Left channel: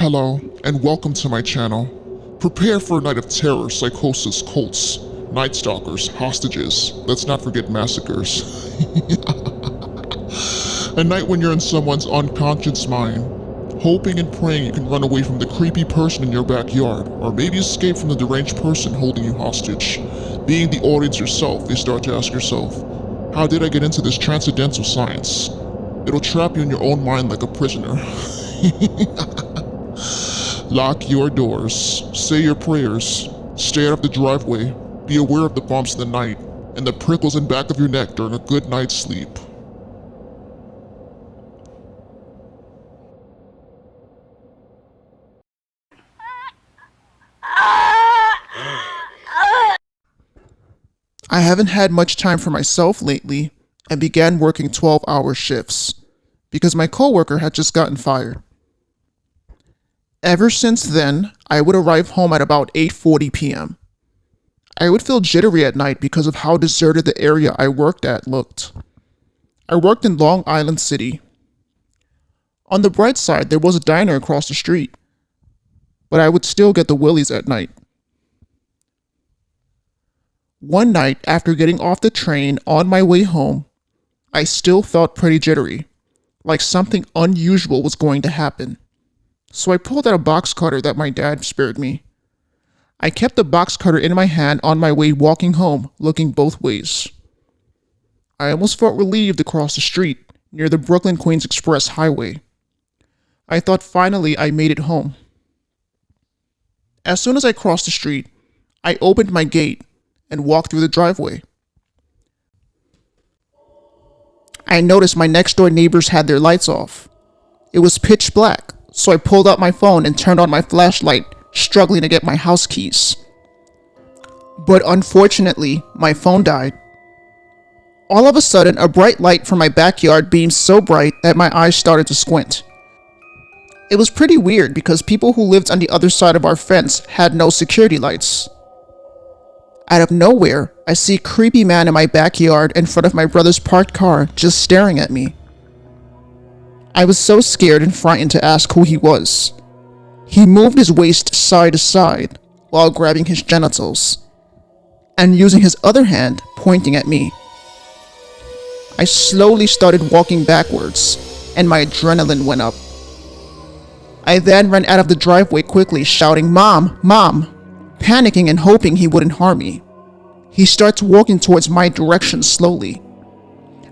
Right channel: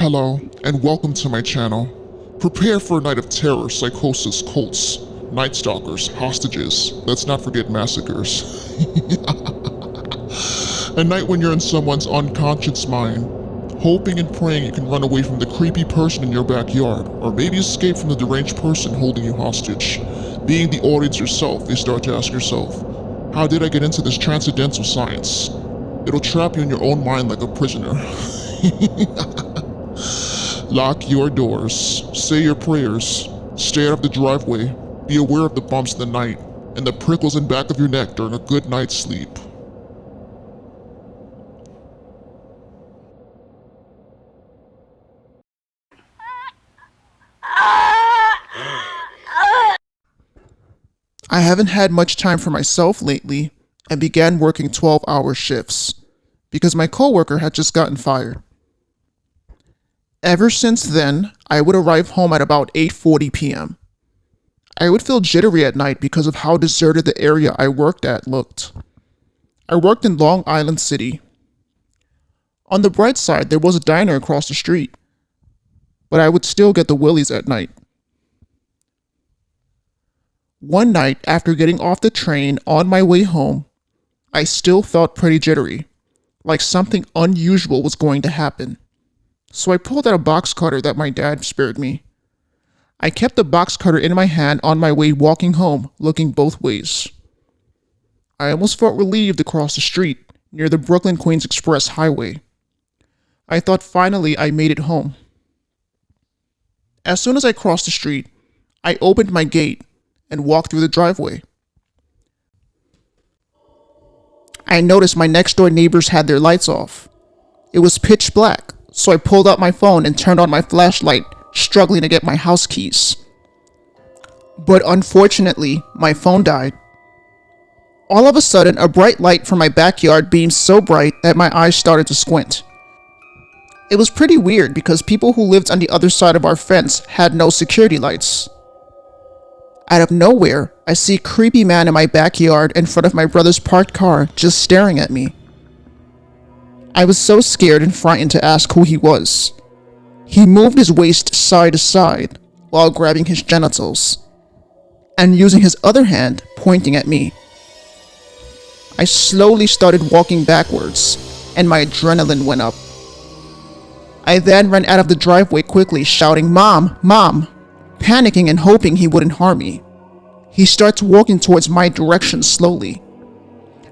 Hello, and welcome to my channel. Prepare for a night of terror, psychosis, cults, night stalkers, hostages, let's not forget massacres. A night when you're in someone's unconscious mind, hoping and praying you can run away from the creepy person in your backyard, or maybe escape from the deranged person holding you hostage. Being the audience yourself, you start to ask yourself, how did I get into this transcendental science? It'll trap you in your own mind like a prisoner. Lock your doors, say your prayers, stay out of the driveway, be aware of the bumps in the night, and the prickles in back of your neck during a good night's sleep. I haven't had much time for myself lately and began working 12-hour shifts because my coworker had just gotten fired. Ever since then, I would arrive home at about 8:40 p.m. I would feel jittery at night because of how deserted the area I worked at looked. I worked in Long Island City. On the bright side, there was a diner across the street, but I would still get the willies at night. One night, after getting off the train on my way home, I still felt pretty jittery, like something unusual was going to happen. So I pulled out a box cutter that my dad spared me. I kept the box cutter in my hand on my way walking home, looking both ways. I almost felt relieved to cross the street near the Brooklyn-Queens Express Highway. I thought finally I made it home. As soon as I crossed the street, I opened my gate and walked through the driveway. I noticed my next door neighbors had their lights off. It was pitch black, so I pulled out my phone and turned on my flashlight, struggling to get my house keys. But unfortunately, my phone died. All of a sudden, a bright light from my backyard beamed so bright that my eyes started to squint. It was pretty weird because people who lived on the other side of our fence had no security lights. Out of nowhere, I see a creepy man in my backyard in front of my brother's parked car just staring at me. I was so scared and frightened to ask who he was. He moved his waist side to side while grabbing his genitals and using his other hand pointing at me. I slowly started walking backwards and my adrenaline went up. I then ran out of the driveway quickly, shouting, "Mom, Mom!" panicking and hoping he wouldn't harm me. He starts walking towards my direction slowly.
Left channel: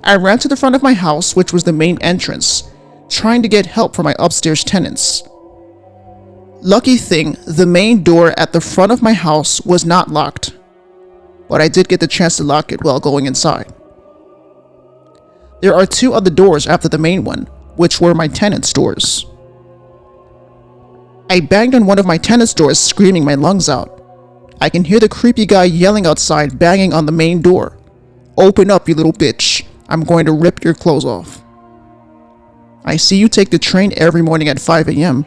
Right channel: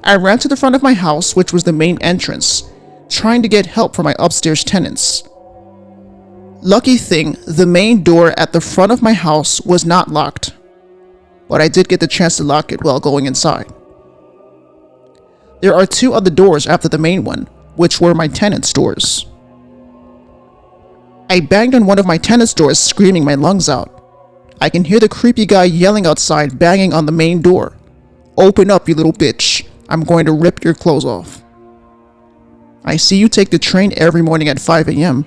I ran to the front of my house, which was the main entrance, trying to get help from my upstairs tenants. Lucky thing, the main door at the front of my house was not locked, but I did get the chance to lock it while going inside. There are two other doors after the main one, which were my tenants' doors. I banged on one of my tenants' doors, screaming my lungs out. I can hear the creepy guy yelling outside, banging on the main door. "Open up, you little bitch. I'm going to rip your clothes off." I see you take the train every morning at 5 a.m.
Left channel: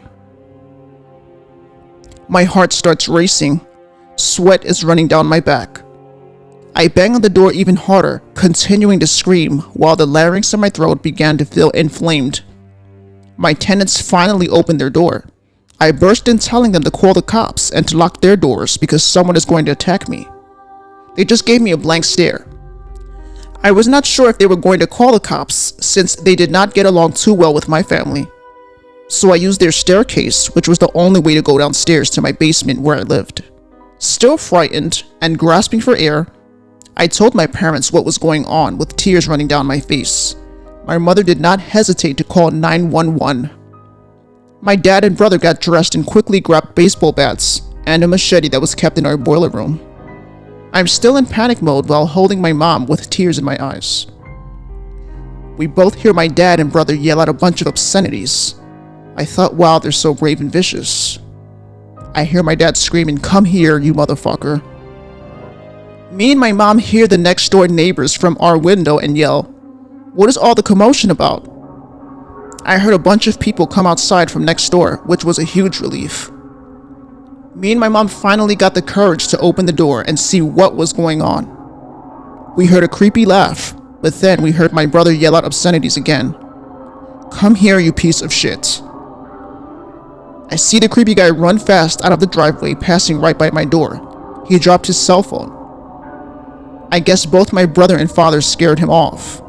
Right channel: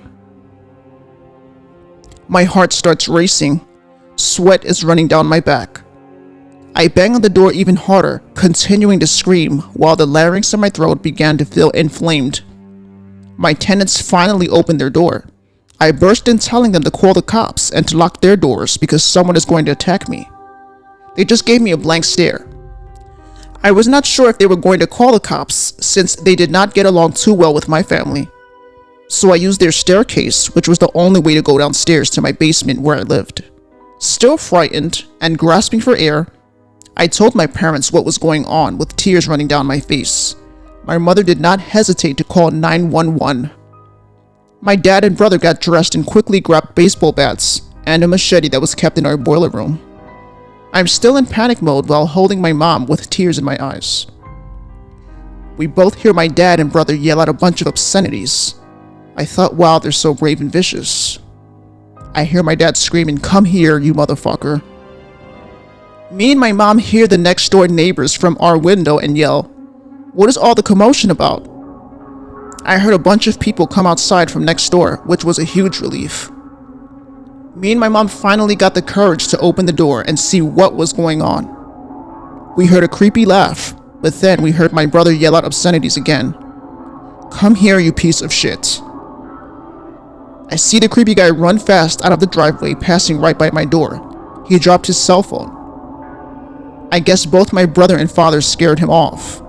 My heart starts racing. Sweat is running down my back. I bang on the door even harder, continuing to scream while the larynx in my throat began to feel inflamed. My tenants finally opened their door. I burst in telling them to call the cops and to lock their doors because someone is going to attack me. They just gave me a blank stare. I was not sure if they were going to call the cops since they did not get along too well with my family. So I used their staircase, which was the only way to go downstairs to my basement where I lived. Still frightened and grasping for air, I told my parents what was going on with tears running down my face. My mother did not hesitate to call 911. My dad and brother got dressed and quickly grabbed baseball bats and a machete that was kept in our boiler room. I'm still in panic mode while holding my mom with tears in my eyes. We both hear my dad and brother yell out a bunch of obscenities. I thought, wow, they're so brave and vicious. I hear my dad screaming, "Come here, you motherfucker." Me and my mom hear the next door neighbors from our window and yell, "What is all the commotion about?" I heard a bunch of people come outside from next door, which was a huge relief. Me and my mom finally got the courage to open the door and see what was going on. We heard a creepy laugh, but then we heard my brother yell out obscenities again. "Come here, you piece of shit." I see the creepy guy run fast out of the driveway, passing right by my door. He dropped his cell phone. I guess both my brother and father scared him off.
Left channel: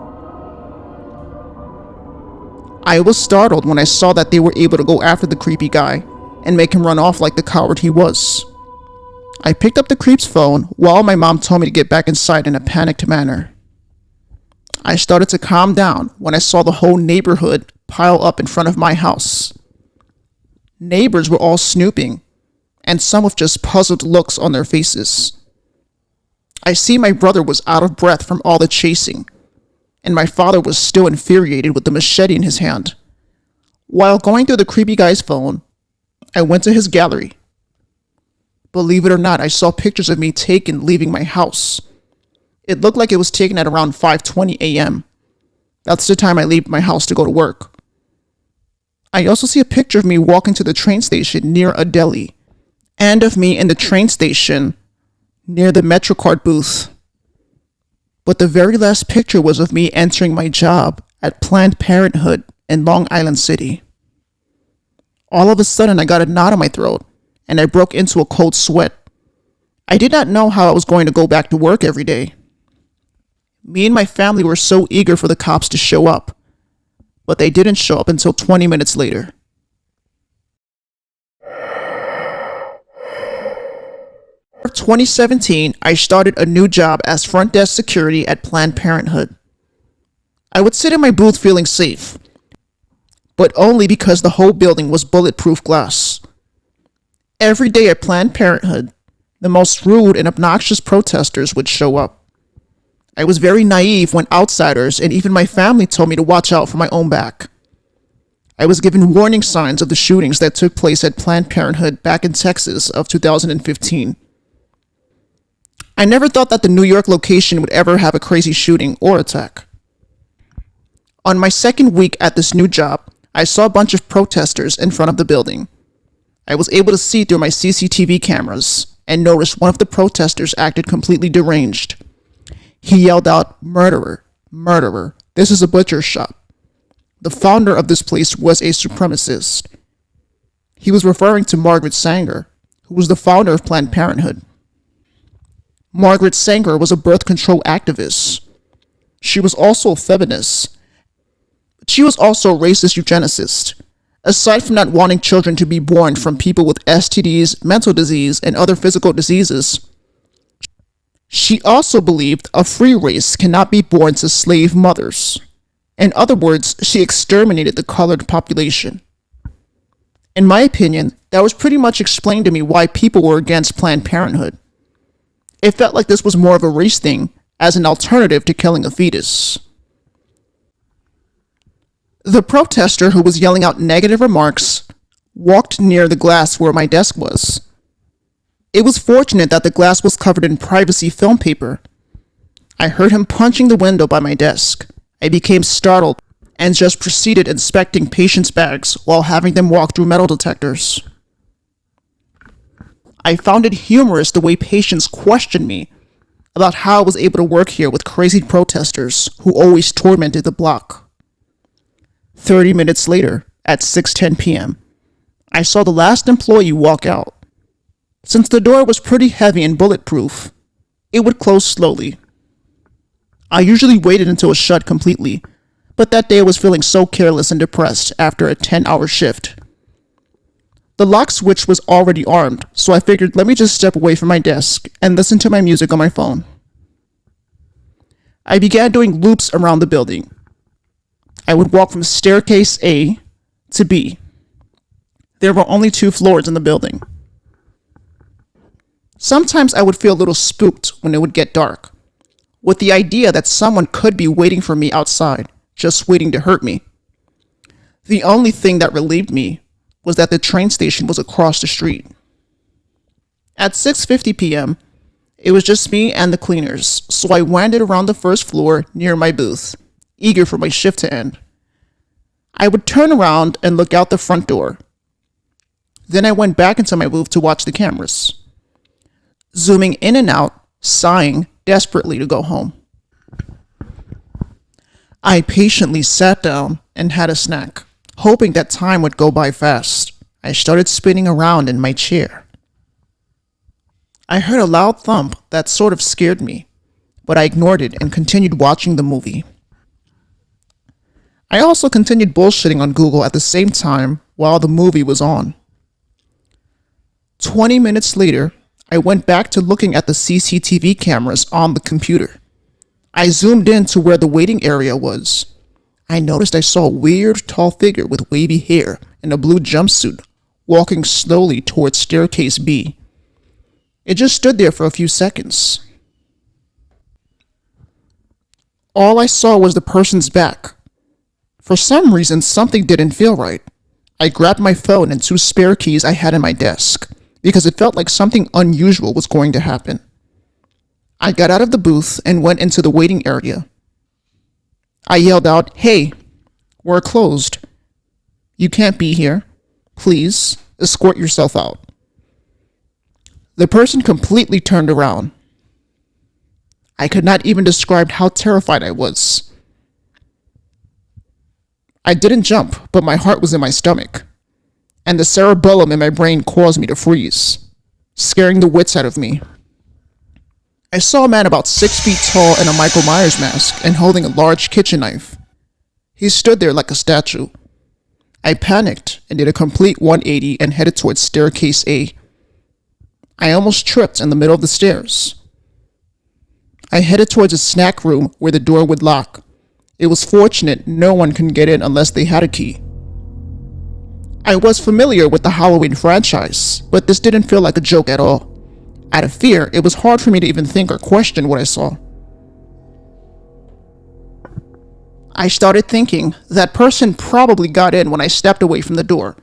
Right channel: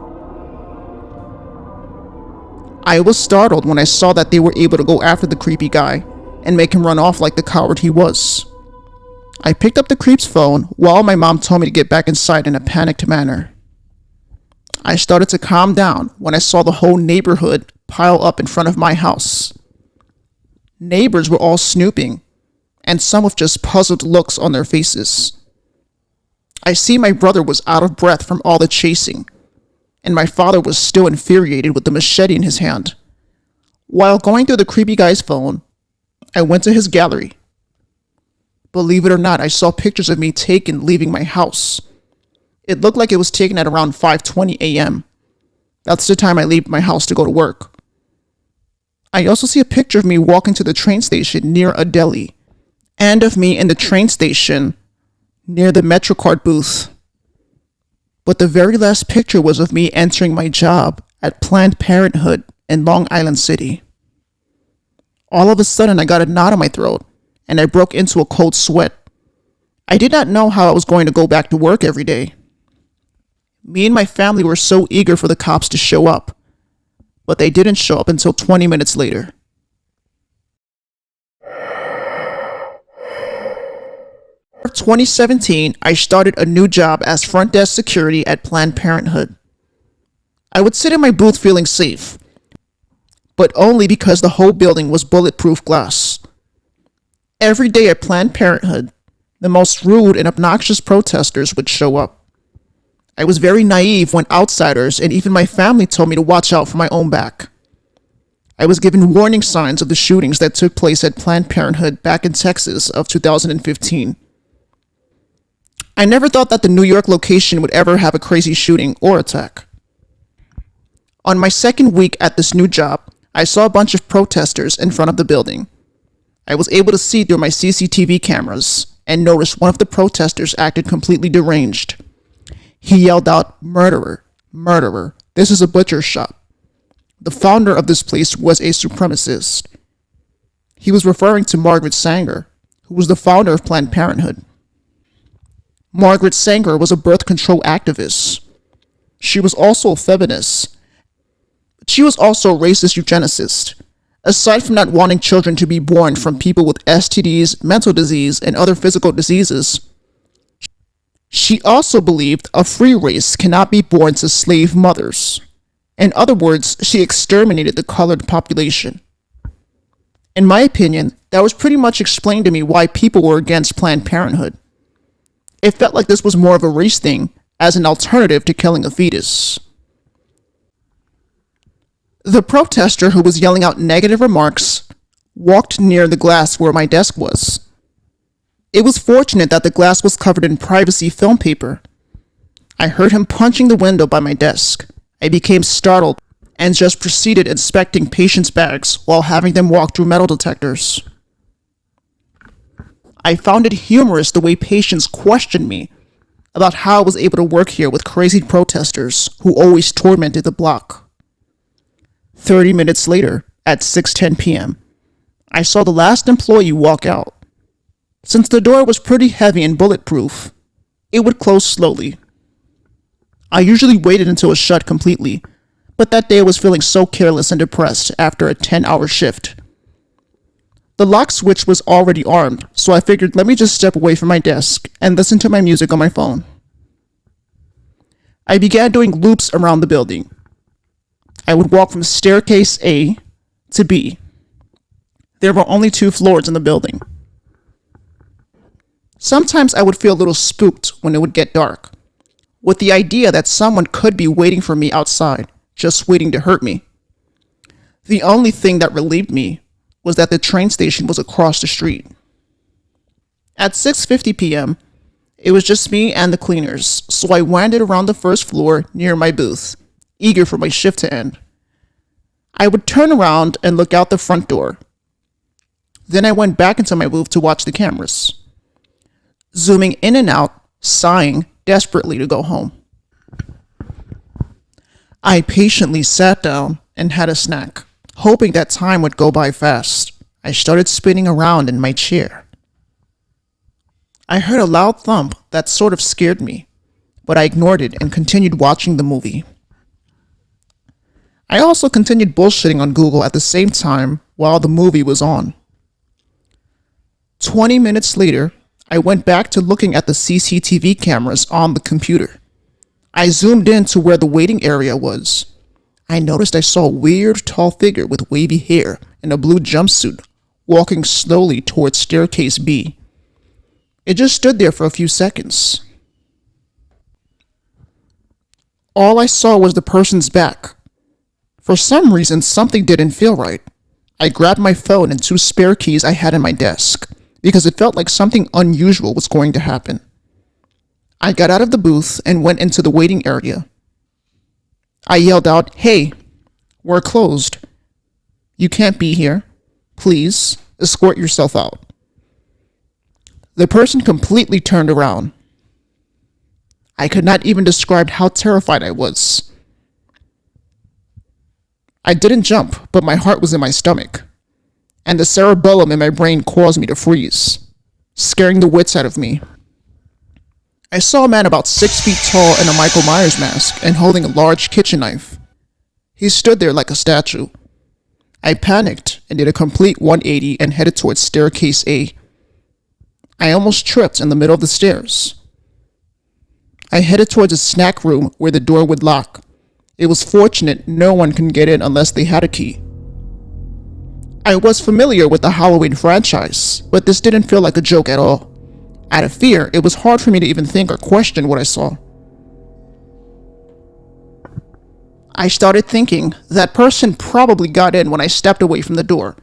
I was startled when I saw that they were able to go after the creepy guy and make him run off like the coward he was. I picked up the creep's phone while my mom told me to get back inside in a panicked manner. I started to calm down when I saw the whole neighborhood pile up in front of my house. Neighbors were all snooping, and some with just puzzled looks on their faces. I see my brother was out of breath from all the chasing, and my father was still infuriated with the machete in his hand. While going through the creepy guy's phone, I went to his gallery. Believe it or not, I saw pictures of me taken leaving my house. It looked like it was taken at around 5:20 a.m. That's the time I leave my house to go to work. I also see a picture of me walking to the train station near a deli, and of me in the train station near the MetroCard booth. But the very last picture was of me entering my job at Planned Parenthood in Long Island City. All of a sudden, I got a knot in my throat, and I broke into a cold sweat. I did not know how I was going to go back to work every day. Me and my family were so eager for the cops to show up, but they didn't show up until 20 minutes later. In 2017, I started a new job as front desk security at Planned Parenthood. I would sit in my booth feeling safe, but only because the whole building was bulletproof glass. Every day at Planned Parenthood, the most rude and obnoxious protesters would show up. I was very naive when outsiders and even my family told me to watch out for my own back. I was given warning signs of the shootings that took place at Planned Parenthood back in Texas of 2015. I never thought that the New York location would ever have a crazy shooting or attack. On my second week at this new job, I saw a bunch of protesters in front of the building. I was able to see through my CCTV cameras and noticed one of the protesters acted completely deranged. He yelled out, "Murderer, murderer, this is a butcher shop." The founder of this place was a supremacist. He was referring to Margaret Sanger, who was the founder of Planned Parenthood. Margaret Sanger was a birth control activist. She was also a feminist. She was also a racist eugenicist. Aside from not wanting children to be born from people with STDs, mental disease, and other physical diseases, she also believed a free race cannot be born to slave mothers. In other words, she exterminated the colored population. In my opinion, that was pretty much explained to me why people were against Planned Parenthood. It felt like this was more of a race thing, as an alternative to killing a fetus. The protester who was yelling out negative remarks walked near the glass where my desk was. It was fortunate that the glass was covered in privacy film paper. I heard him punching the window by my desk. I became startled and just proceeded inspecting patients' bags while having them walk through metal detectors. I found it humorous the way patients questioned me about how I was able to work here with crazy protesters who always tormented the block. 30 minutes later, at 6:10 p.m., I saw the last employee walk out. Since the door was pretty heavy and bulletproof, it would close slowly. I usually waited until it was shut completely, but that day I was feeling so careless and depressed after a 10-hour shift. The lock switch was already armed, so I figured let me just step away from my desk and listen to my music on my phone. I began doing loops around the building. I would walk from staircase A to B. There were only 2 floors in the building. Sometimes I would feel a little spooked when it would get dark, with the idea that someone could be waiting for me outside, just waiting to hurt me. The only thing that relieved me was that the train station was across the street. At 6:50 p.m., it was just me and the cleaners, so I wandered around the first floor near my booth, eager for my shift to end. I would turn around and look out the front door. Then I went back into my booth to watch the cameras, zooming in and out, sighing desperately to go home. I patiently sat down and had a snack, hoping that time would go by fast. I started spinning around in my chair. I heard a loud thump that sort of scared me, but I ignored it and continued watching the movie. I also continued bullshitting on Google at the same time while the movie was on. 20 minutes later, I went back to looking at the CCTV cameras on the computer. I zoomed in to where the waiting area was. I noticed I saw a weird, tall figure with wavy hair and a blue jumpsuit walking slowly towards staircase B. It just stood there for a few seconds. All I saw was the person's back. For some reason, something didn't feel right. I grabbed my phone and 2 spare keys I had on my desk, because it felt like something unusual was going to happen. I got out of the booth and went into the waiting area. I yelled out, "Hey, we're closed. You can't be here. Please, escort yourself out." The person completely turned around. I could not even describe how terrified I was. I didn't jump, but my heart was in my stomach, and the cerebellum in my brain caused me to freeze, scaring the wits out of me. I saw a man about 6 feet tall in a Michael Myers mask and holding a large kitchen knife. He stood there like a statue. I panicked and did a complete 180 and headed towards staircase A. I almost tripped in the middle of the stairs. I headed towards a snack room where the door would lock. It was fortunate no one could get in unless they had a key. I was familiar with the Halloween franchise, but this didn't feel like a joke at all. Out of fear, it was hard for me to even think or question what I saw. I started thinking that person probably got in when I stepped away from the door,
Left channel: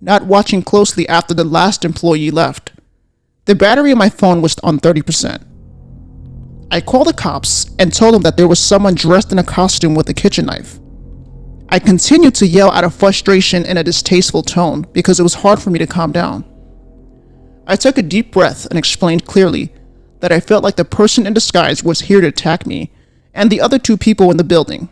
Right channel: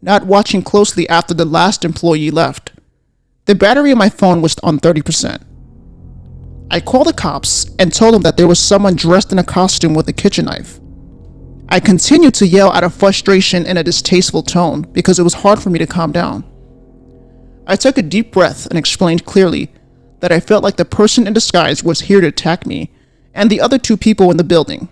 not watching closely after the last employee left. The battery on my phone was on 30%. I called the cops and told them that there was someone dressed in a costume with a kitchen knife. I continued to yell out of frustration in a distasteful tone because it was hard for me to calm down. I took a deep breath and explained clearly that I felt like the person in disguise was here to attack me and the other 2 people in the building.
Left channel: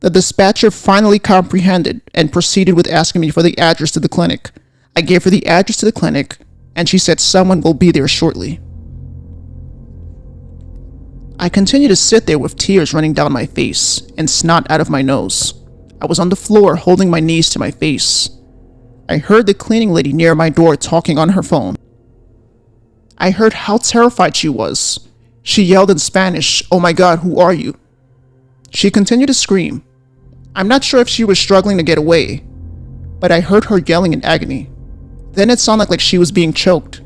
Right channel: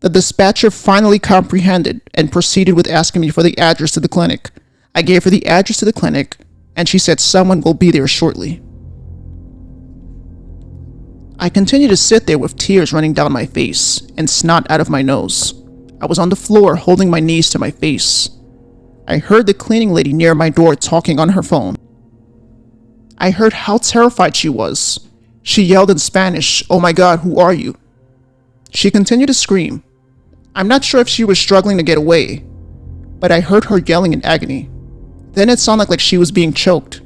The dispatcher finally comprehended and proceeded with asking me for the address to the clinic. I gave her the address to the clinic, and she said someone will be there shortly. I continued to sit there with tears running down my face and snot out of my nose. I was on the floor holding my knees to my face. I heard the cleaning lady near my door talking on her phone. I heard how terrified she was. She yelled in Spanish, "Oh my God, who are you?" She continued to scream. I'm not sure if she was struggling to get away, but I heard her yelling in agony. Then it sounded like she was being choked.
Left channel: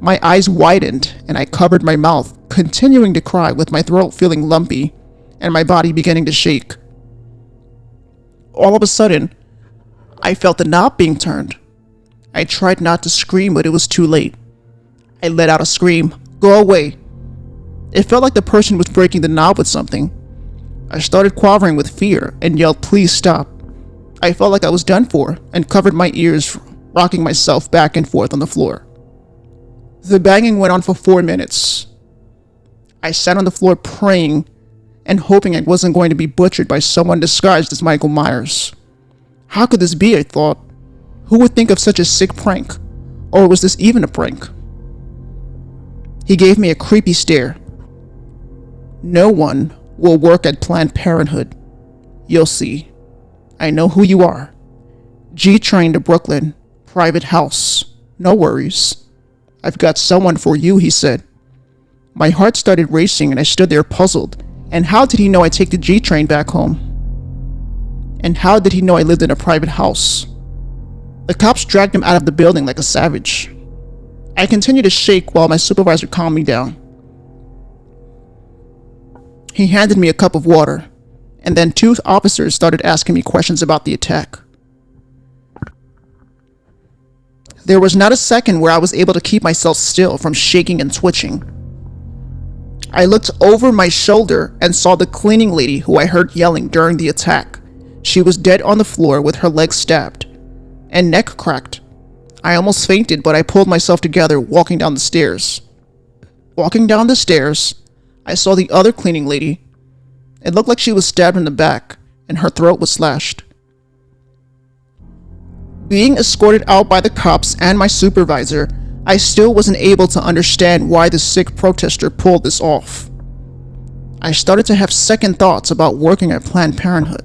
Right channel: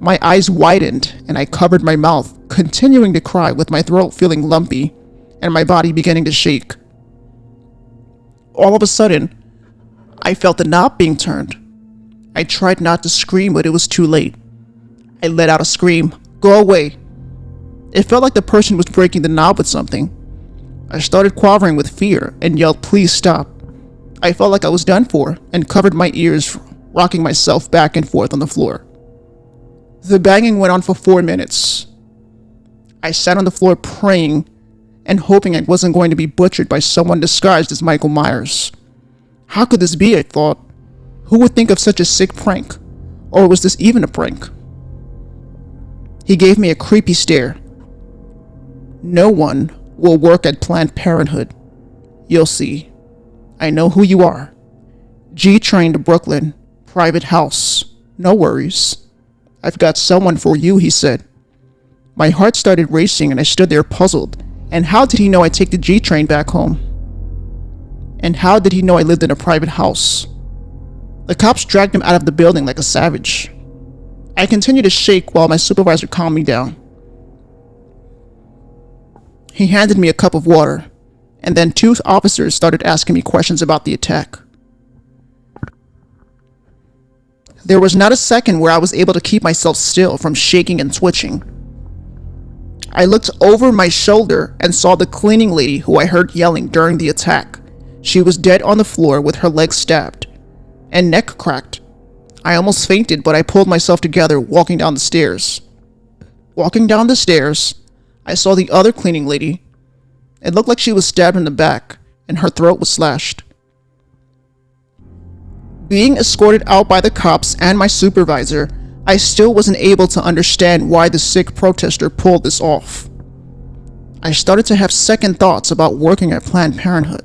My eyes widened and I covered my mouth, continuing to cry with my throat feeling lumpy and my body beginning to shake. All of a sudden, I felt the knob being turned. I tried not to scream, but it was too late. I let out a scream, "Go away." It felt like the person was breaking the knob with something. I started quivering with fear and yelled, "Please stop." I felt like I was done for and covered my ears, rocking myself back and forth on the floor. The banging went on for 4 minutes. I sat on the floor praying and hoping I wasn't going to be butchered by someone disguised as Michael Myers. How could this be, I thought? Who would think of such a sick prank? Or was this even a prank? He gave me a creepy stare. "No one will work at Planned Parenthood. You'll see. I know who you are. G-Train to Brooklyn. Private house. No worries. I've got someone for you," he said. My heart started racing and I stood there puzzled. And how did he know I take the G-Train back home? And how did he know I lived in a private house? The cops dragged him out of the building like a savage. I continued to shake while my supervisor calmed me down. He handed me a cup of water, and then 2 officers started asking me questions about the attack. There was not a second where I was able to keep myself still from shaking and twitching. I looked over my shoulder and saw the cleaning lady who I heard yelling during the attack. She was dead on the floor with her legs stabbed and neck cracked. I almost fainted, but I pulled myself together walking down the stairs. Walking down the stairs, I saw the other cleaning lady. It looked like she was stabbed in the back and her throat was slashed. Being escorted out by the cops and my supervisor, I still wasn't able to understand why the sick protester pulled this off. I started to have second thoughts about working at Planned Parenthood.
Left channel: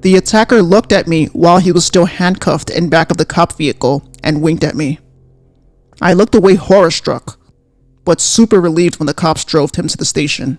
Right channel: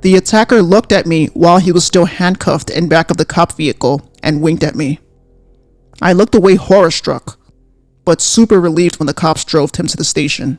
The attacker looked at me while he was still handcuffed in back of the cop vehicle and winked at me. I looked away horror-struck, but super relieved when the cops drove him to the station.